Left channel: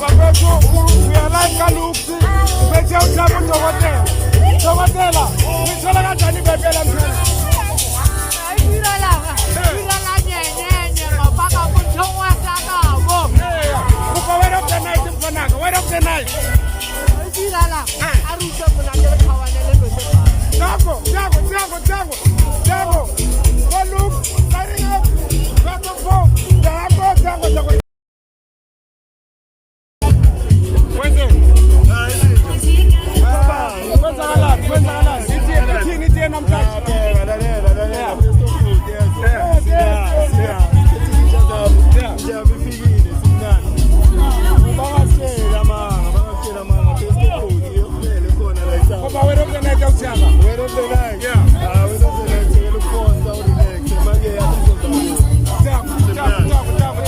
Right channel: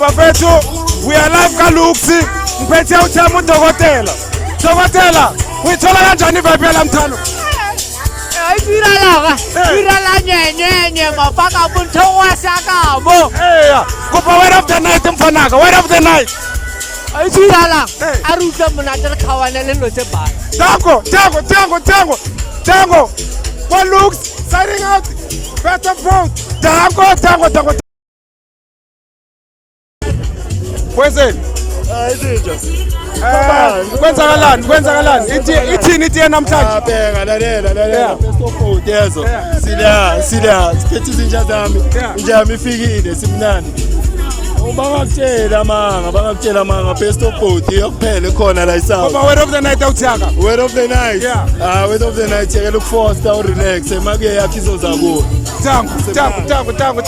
bafethu uyalapha kaluksi ngiphethe uthama udokotela. Dokotela, uyithola kanjani vibe yalamthalo? Irala nyenye mafaka bunthwa sakabo. Kuba word of the night mfanaka, word of the night. Irala aruta munatela khawana lelo sebha. Tango. What looks signing out better from Tango. Where's it? Kwenzakalani ithini namhlanje lalela yezo sila sikhethi izinja zami njami ifikile simnandi bangakutshela manga best of both yokuphela khona la isaba word of the night awuthaka word of the night word of the night yekela ukufoster relax emakuye yakhe izoza kuwo Tango